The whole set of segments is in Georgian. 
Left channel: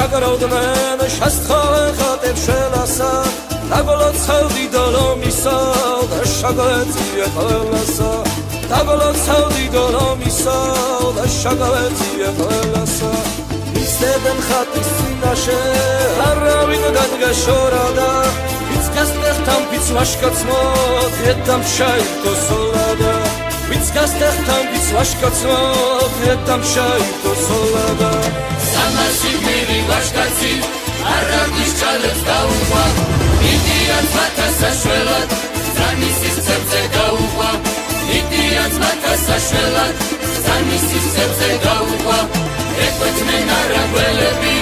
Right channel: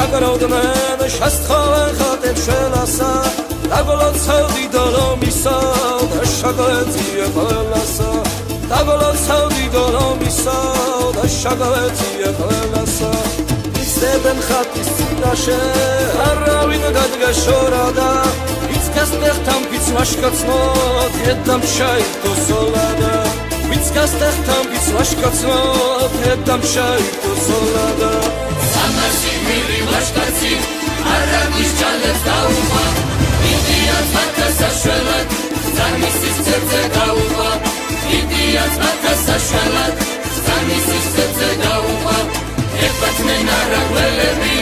შაგროვდნენ შესთხავენ ხატებს შელასა დაგოლოცავდი დოლომისა და შაგავეწია ყველასა დაგოლოცავდი დოლომისა და შაგავეწია ყველასა მისცემენ ხატის წინაშე არავინ გადგაშორადა ვინც გასტეხთან ვინც ვაშკაცმო დედამ შაირთო სოლადა ვინც გასტეხთან ვინც ვაშკაცმო დედამ შაირთო სოლადა სამასი მილი ვაშკაცი არაბის ჩალებს დაუღვა იდიაც მათასაშველად ზარმისის ძებზე გაუღვა იდიაც მათასაშველად ზარმისის ძებზე გაუღვა ეკვეთნენ არაგველები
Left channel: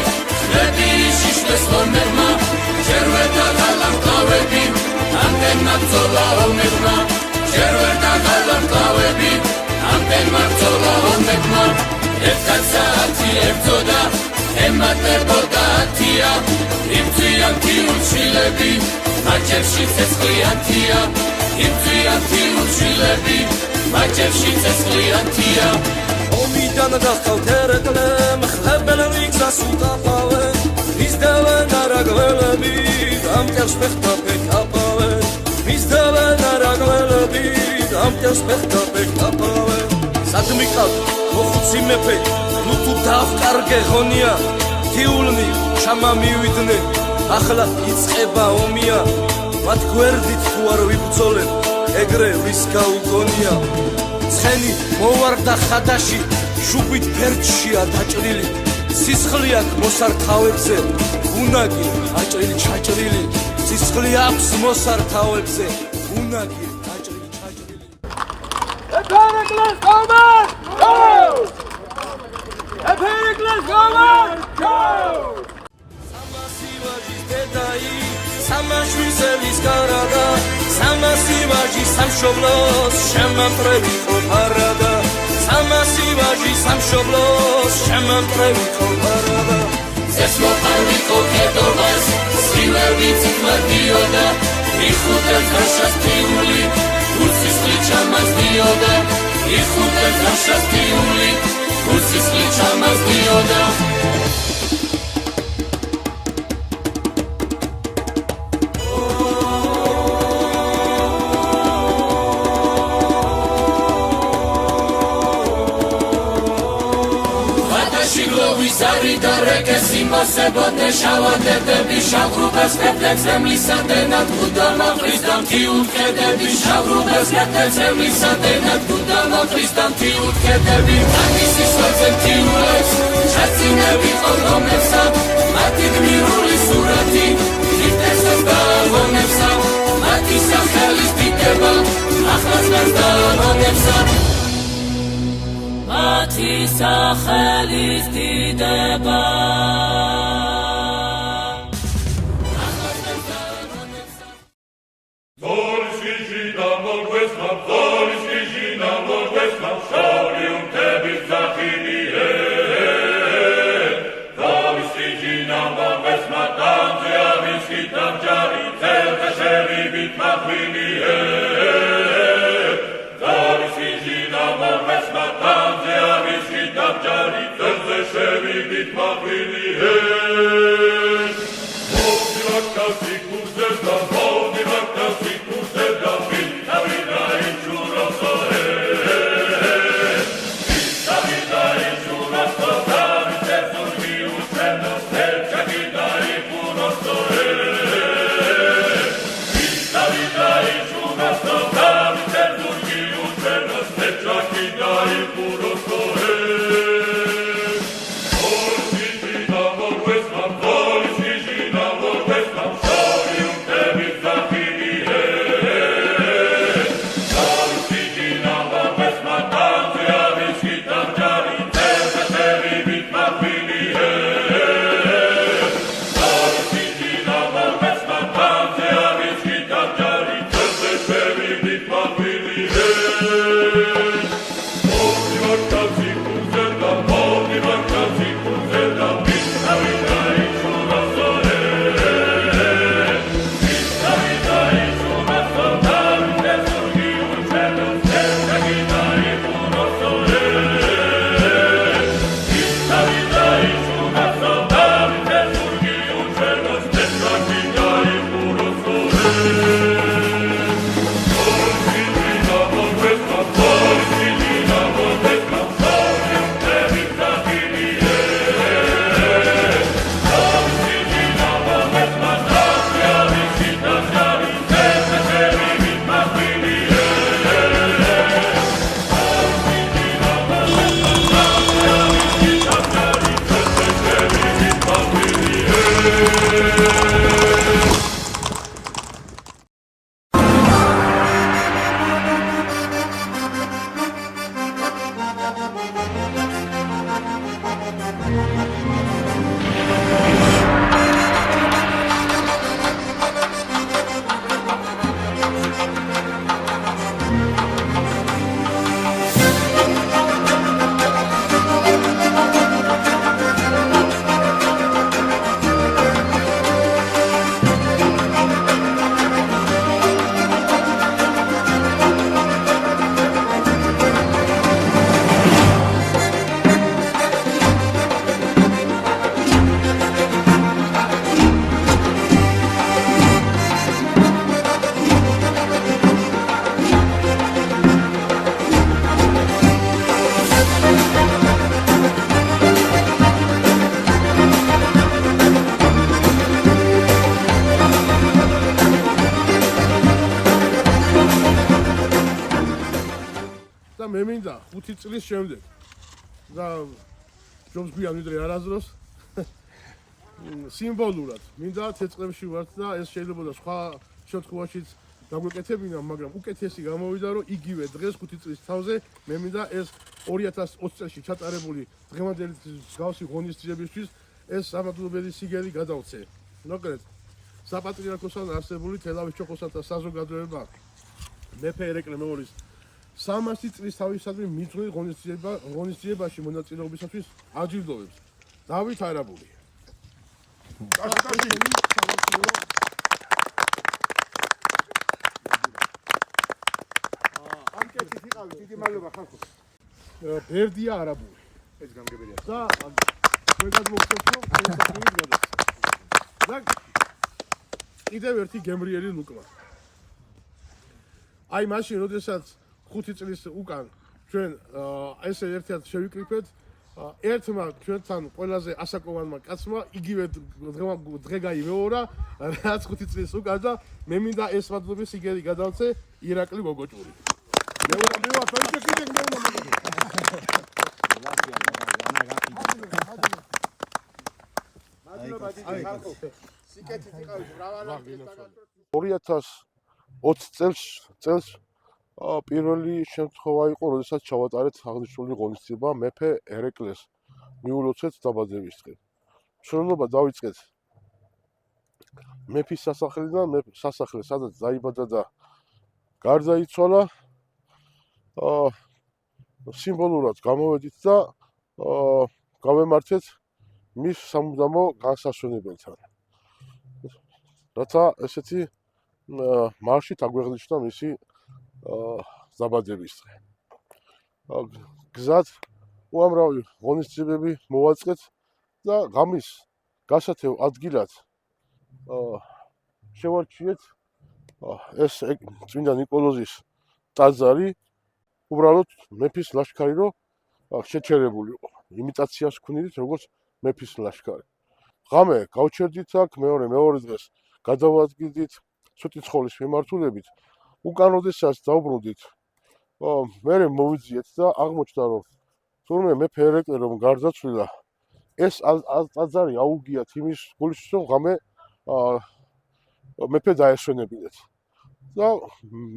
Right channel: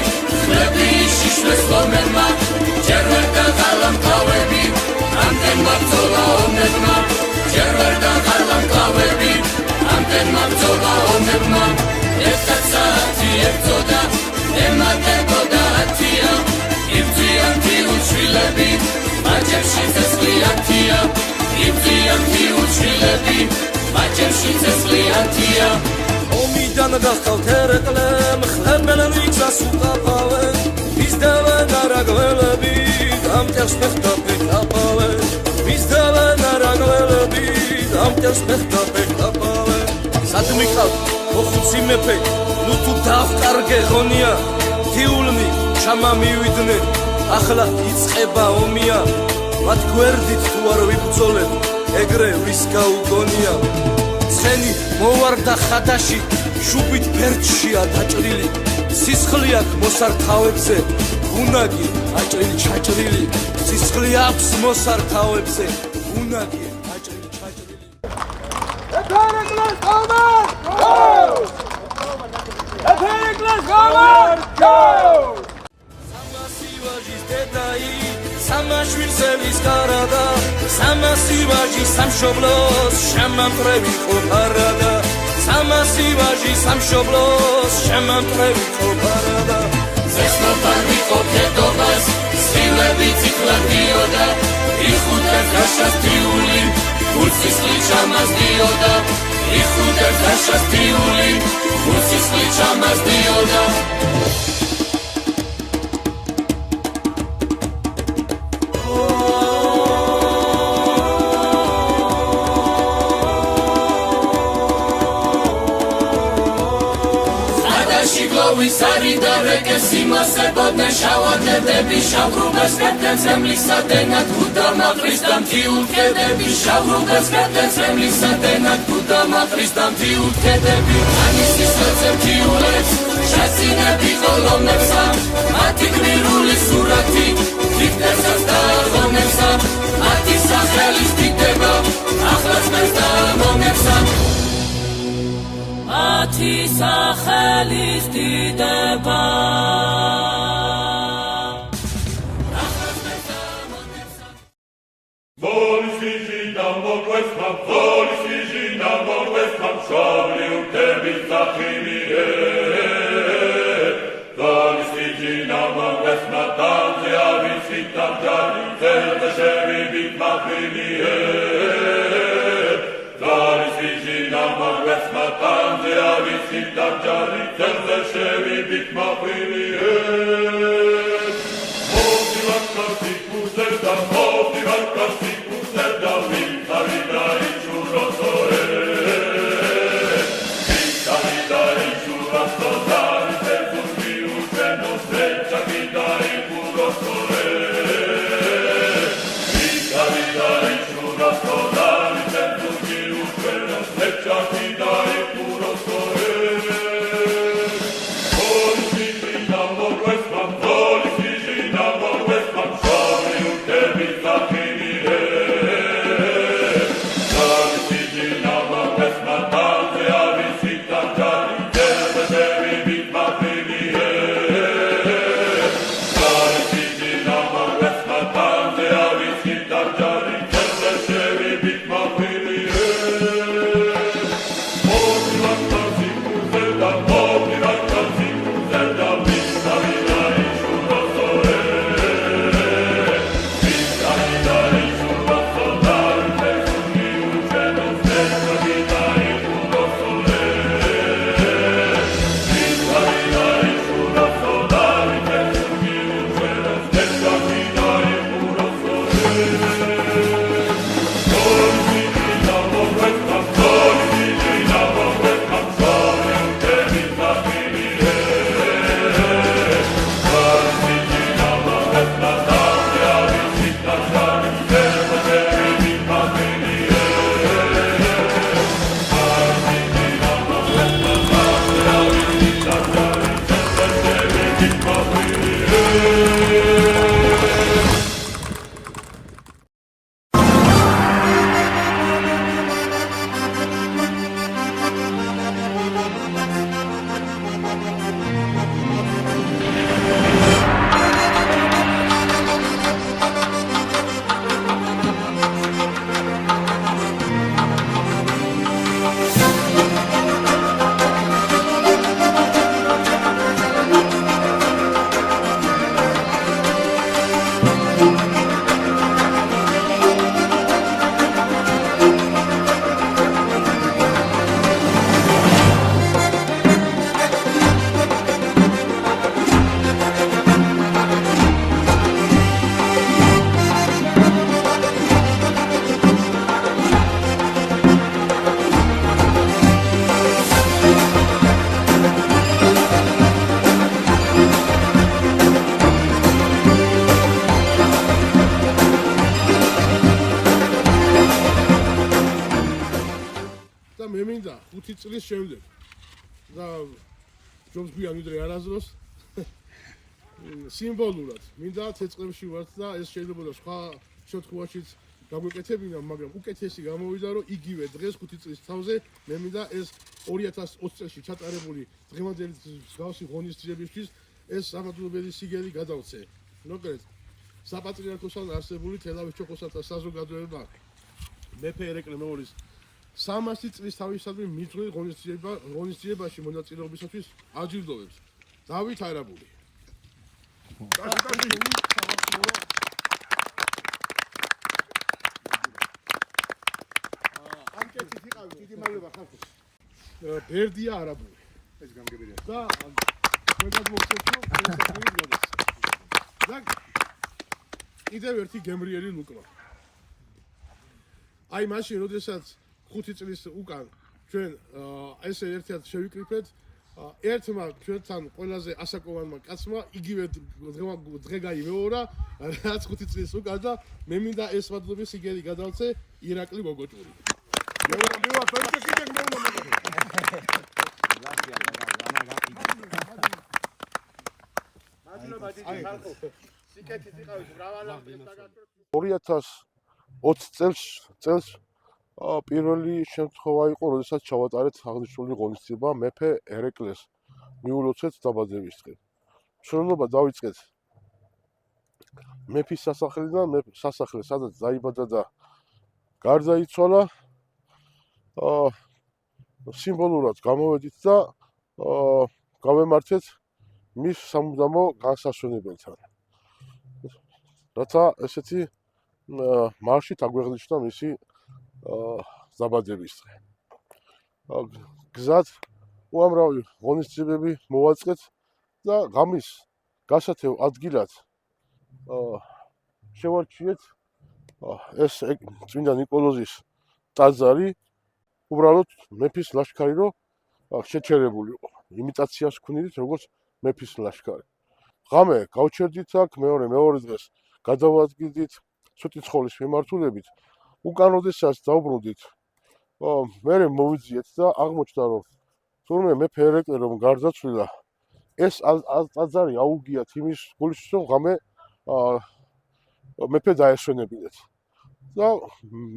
ხლები შიშლეს ლომებმა ჯერ ვერ დაღალა მკლავები ამდენ მაბრძოლა ომებმა ჯერ ვერ დაღალა მკლავები ამდენ მაბრძოლა ომებმა ერთად საათი ერთოდა ემატებოდა ათია იბძვიან თიუჩილები მაჯერში წესლიანთია იბძვიან თიუჩილები მაჯერში წესლიანთია ომიდან გახავთ ერეკლე მხლებენ ვიგზას უკაფავენ მისდევენ არაგველები დამტერს ფეხთა ფეხაფავენ მისდევენ არაგველები დამტერს ფეხთა ფეხაფავენ სად მიყავთ მოხუცი მეფე ნუ თუ დავკარგე ღონია თიულნი ჩამა მივიდნენ ახლა იწყება ომია მათ გვერდით თუ არ ვიბრძოლებ ეგრე ვის გაუგონია ცხენი მოვარდა ხადაში შუბით ფერდშია დაჭრილი სისხლი აქვს მოსართავებზე უნაგი აჭრილი ჩაჭრილი სისხლი აქვს მოსართავებზე უნაგი აჭრილი ჩაჭრილი სამასი ვაჟის დედაი სამაშვილსელის კარადა სამასი ვაჟის სამშობლოს შემამტრევი ყოფარადა სამასი ვაჟის სამშობლოს შემამტრევი ყოფარადა ზესმოფარვი ყოფედობას სილები ციკლადიოდა იხუტერ ხაშასტიული ურსისხლი ჩამასდიოდა იხუტერ ხაშასტიული ურსისხლი ჩამასდიოდა მასებოდნე შავადედები შავრუბეს კეთებს ემლისადენად გუდამახრის დამთიულქედები შავრუბეს კეთებს ემლისადენად გუდამახრის დამთიულქედები ანისის ვეცემ თიულებს შაცინები ყოლომებსა მათი გმირული სურათი თითესას დაამონებსა მათი სახელის დიდება ახლაც მეს დაამონებსა მათი სახელის დიდება Thank you. და მე მინდა 5 წლის შემდეგ და ჯობს გვიან ვიდრე არასდროს სიმბოლურად მინდა თეწყებში ვართ და ეს შეიძლება სხვა შემთხვევაშიც გაგვეკეთებინა, მაგრამ უკეთესი გამოვიდა, რომ იგივე დღეს 5 წლის თავზე მე მინდა ეს 2020 წელს ჩატარებული დღევანდელი მსგავსი ღონისძიებისთვის ეს სამადლობელი სიგელი გადავცე. მოკლედ, საპატრიარქოსთან არსებული თელავის ჩოხოსანთა საზოგადოება მეფე ერეკლე მეორის 300 წლის თავისადმი მიძღვნილ ღონისძიებაში მონაწილეობისათვის აჯილდოვებს. დავით არაბული. დიდი მადლობა ხალხო. ბერდია არაბული. ეს გამგებელია. და თქვენგან მოგწევთ რომ შესაძლებელი გადასცე. და კიდევ ერთი გემრიელი ლუკმა. აი მაშინ, როდესაც 5 წლის უკან ჩვენ ესე ერთად შევიკრიფეთ, ერთმა ჩვენთან ყველაზე ასაკოვანმა კაცმა იგივე დღე გაიმეორა, რაც 5 წლის უკან და მე მინდა ეს მადლობის სიგელი გადავცე ირაკლი გოგოჭური. წელს პირველი შემთხვევა იყო, როდესაც ჩავატარეთ აღნიშნული ღონისძიება მეფე ერეკლეს მიულოცეთ დაბადების დღე. მშრომლობა დავიწყეთ მეფის სასახლიდან, სასახლე სადაც დაიბადა და გარდაიცვალა. სიმბოლურად გამოვედით და გავემართეთ მის სამუდამო განსასვენებელთან. რათა ესეთი მარშით აგვეღნიშნა მისი დაბადების დღე. გზად უამრავი ღონისძიებები მოვაწყეთ და ღამის გასათევ ადგილად შევარჩიეთ ეს წმინდა ნიკოლოზის ტაძარი, უბრალოდ მეფის ლაშქარი რო შეჩერებული იყო. იმიტაციას ვქნიდით როგორც მეფის ლაშქარი. ღამე გავჩერდით აქ, მეორე დღეს გადავადგილდით სვეტიცხოვლის მიმართულებით. უკან როდესაც დავბრუნდით, მე მოვიძიეთ და აღმოჩნდა, რომ თურმე მეფე ერეკლე რომ გარდაცვლილა, ეს ტაძარი აუგიათ იმის გულისთვის, რომ ღამე მეფე დაესვენებინეთ. და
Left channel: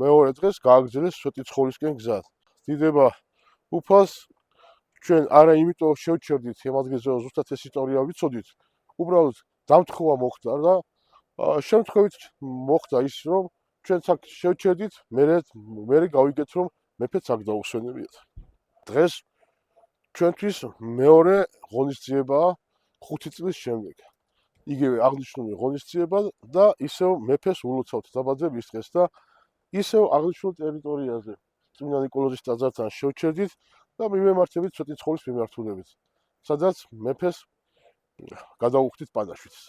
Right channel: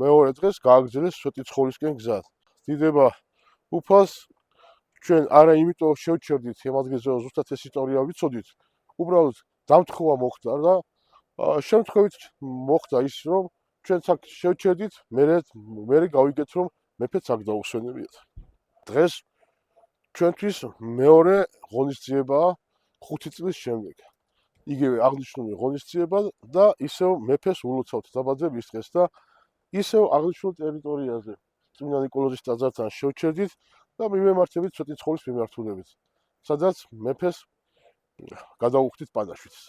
მეორე დღეს გააგრძელეს სვეტიცხოვლისკენ გზა. დიდება უფალს ჩვენ არა იმიტომ შევჩერდით იმ ადგილზე, რომ ზუსტად ეს ისტორია ვიცოდით, უბრალოდ დამთხოვა მოხდა და შემთხვევით მოხდა ის, რომ ჩვენც აქ შევჩერდით, მე გავიგეთ, რომ მეფეც აქ დაუსვენებიათ. დღეს ჩვენთვის მეორე ღონისძიებაა 5 წლის შემდეგ. იგივე აღნიშნული ღონისძიება და ისევ მეფეს ულოცავთ დაბადების დღეს და ისევ აღნიშნულ ტერიტორიაზე წმინდა ნიკოლოზის ტაძართან შევჩერდით და მივემართებით სვეტიცხოვლის მიმართულებით, სადაც მეფეს გადავუხდით პანაშვიდს.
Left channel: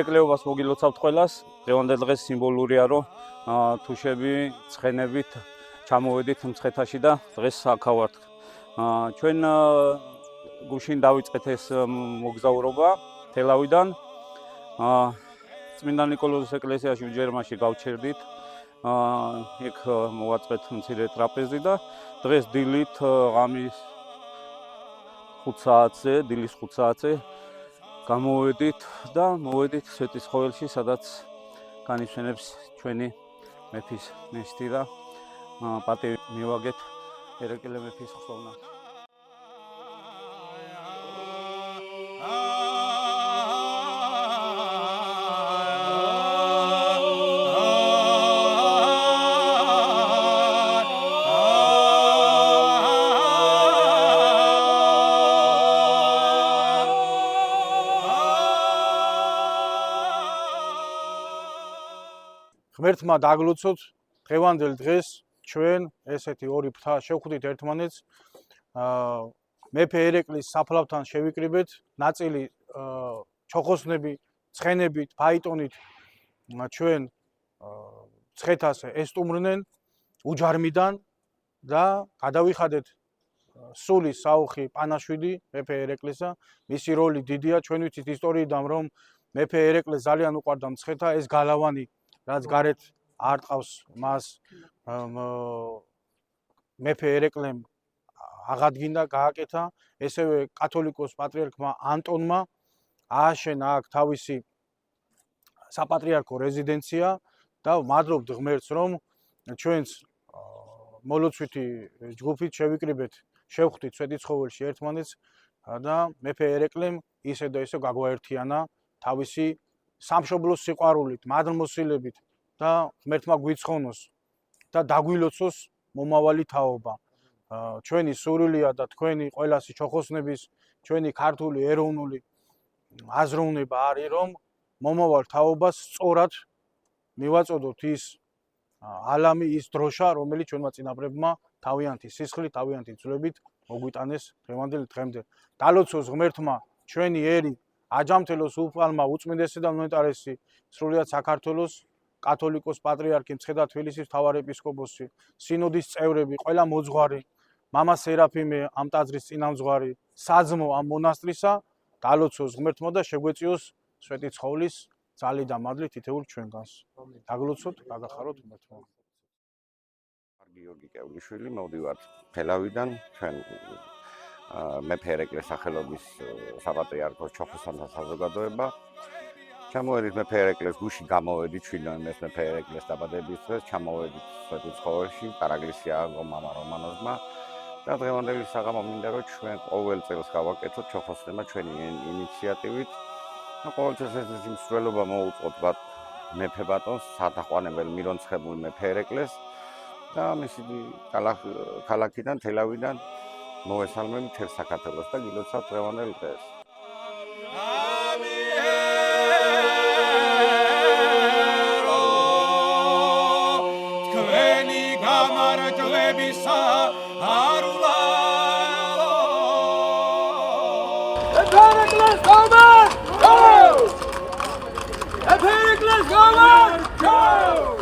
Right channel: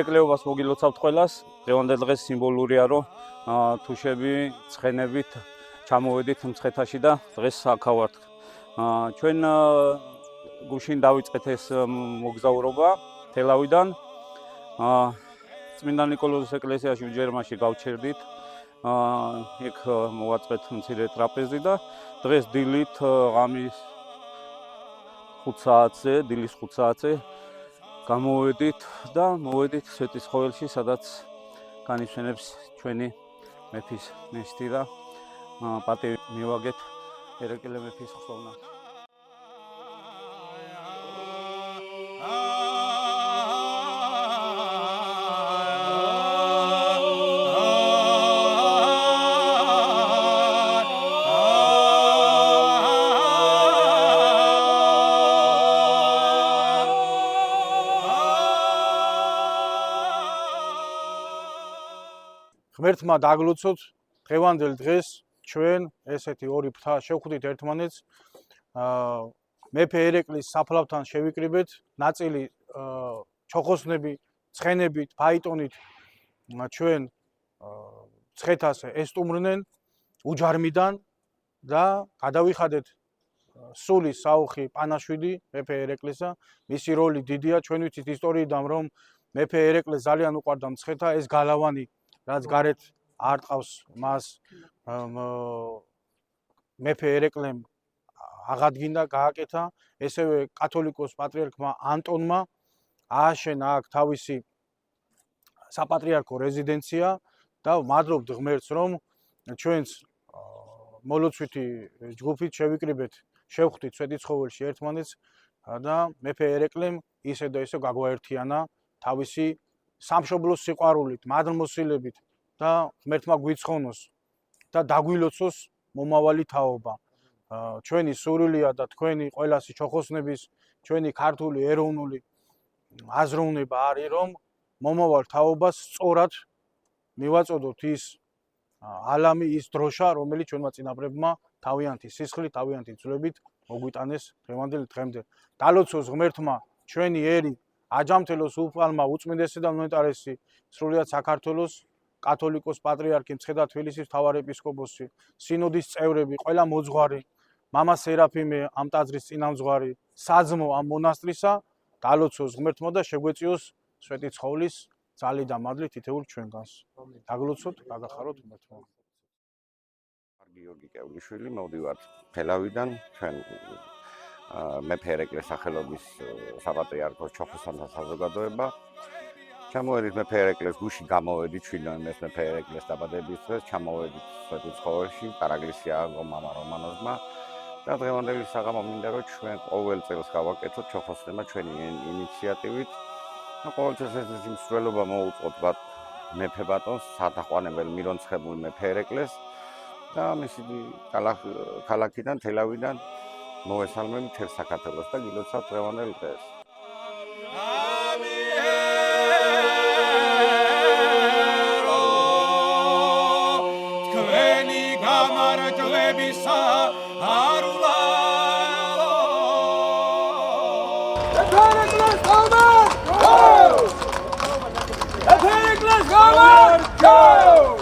ერეკლეობას მოგილოცავთ ყველას. დღევანდელ დღეს სიმბოლურია, რომ თუშები ცხენებით ჩამოვედით მცხეთაში და დღეს აქ ვართ. ჩვენ გუშინ დავიწყეთ ეს მოგზაურობა თელავიდან. წმინდა ნიკოლოზის ეკლესიაში უჯერმაში გავჩერდით. იქ მოვაწყეთ მცირე ტრაპეზი და დღეს დილით ღამის 5 საათზე, დილის 5 საათზე გამოვედით და მოვედით სვეტიცხოველში, სადაც განისვენებს ჩვენი მეფის ნეშტი და პატივი მივაგეთ ერეკლე მეფის ხსოვნას. ღმერთმა დაგლოცოთ დღევანდელ დღეს ჩვენ ესეთი ორი ფრთა შევხვდით ერთმანეთს. მეფე ერეკლის საფლავთან შევიკრიბეთ, ნაწილი ჩოხოსნები, ცხენებით, ფაიტონით ჩვენ ცხეთას ესტუმრნენ უჯარმიდან და გადავიხადეთ სულის საუხი პანაშვიდი მეფე ერეკლისა. მისი როლი დიდია, ჩვენ ვიცით ისტორიიდან, რომ მეფე ერეკლეს ძალიან უყვარდა მცხეთა, ეს გალავანი რაც გარეთ არ ტყავს მას მეფე ერეკლემ აღადგინა, გააკეთა. ესევე კათოლიკოს პატრიარქმა ანტონმა ააშენა აქ თავისი საპატრიარქო რეზიდენცია და ვმადლობთ ღმერთს, რომ ჩვენს მოლოცვითი ჯგუფით შევიკრიბეთ, შევხვდით სვეტიცხოველში ერთმანეთს და მეფე ერეკლემ ისე და ისე გაგვაერთიანა თავისი სამშობლოს სიყვარულით, მადლმოსილებით და ღმერთმა გვიცხონოს და დაგვილოცოს მომავალი თაობა. ჩვენი სურვილია და თქვენი ყველასი ჩოხოსნების, ჩვენი ქართული ეროვნული აზროვნება არის, რომ მომავალ თაობას სწორად მივაწოდოთ ის ალამი, ის დროშა, რომელიც ჩვენმა წინაპრებმა თავიანთი სისხლით, თავიანთი ძვლებით მოგვიტანეს დღევანდელ დღემდე. დალოცოს ღმერთმა ჩვენი ერი, აჯამთელოს უფალმა უწმინდესი და მონეტარესი სრულიად საქართველოს კათოლიკოს პატრიარქი მცხეთა თბილისის მთავარეპისკოპოსი, სინოდის წევრები, ყველა მოძღვარი, მამა სერაფიმე ამ ტაძრის წინამძღვარი, საძმო ამ მონასტრისა, დალოცოს ღმერთმა და შეგვეწიოს სვეტიცხოვლის ძალით და მადლით თითოეულ ჩვენგანს. დაგლოცოთ, გაგახაროთ ღმერთმა. გიორგი კევლიშვილი, მოვდივართ თელავიდან, ჩვენ მეფე ერეკლეს სახელობის საპატრიარქოს ჩოხოსანთა საზოგადოება. ჩამოვედით მეფე ერეკლეს გუში გამოვედით ჩვენს მეფე ერეკლეს დაბადების დღეს, ჩამოვედით სვეტიცხოველში, კარაგლისი ააგო მამა რომანოზმა და დღევანდელი საღამო მინდა რომ ჩვენ ყოველ წელს გავაკეთოთ ჩოხოსნებმა ჩვენი ინიციატივით. ყოველთვის ეს მსვლელობა მოუწყოთ მეფე ბატონს, სათაყვანებელ მირონცხებულ მეფე ერეკლეს და მისი ქალაქიდან, თელავიდან მოვესალმები მთელ საქართველოს და გილოცავთ დღევანდელ დღეს. თქვენი გამარჯვებისა არულა Let's go!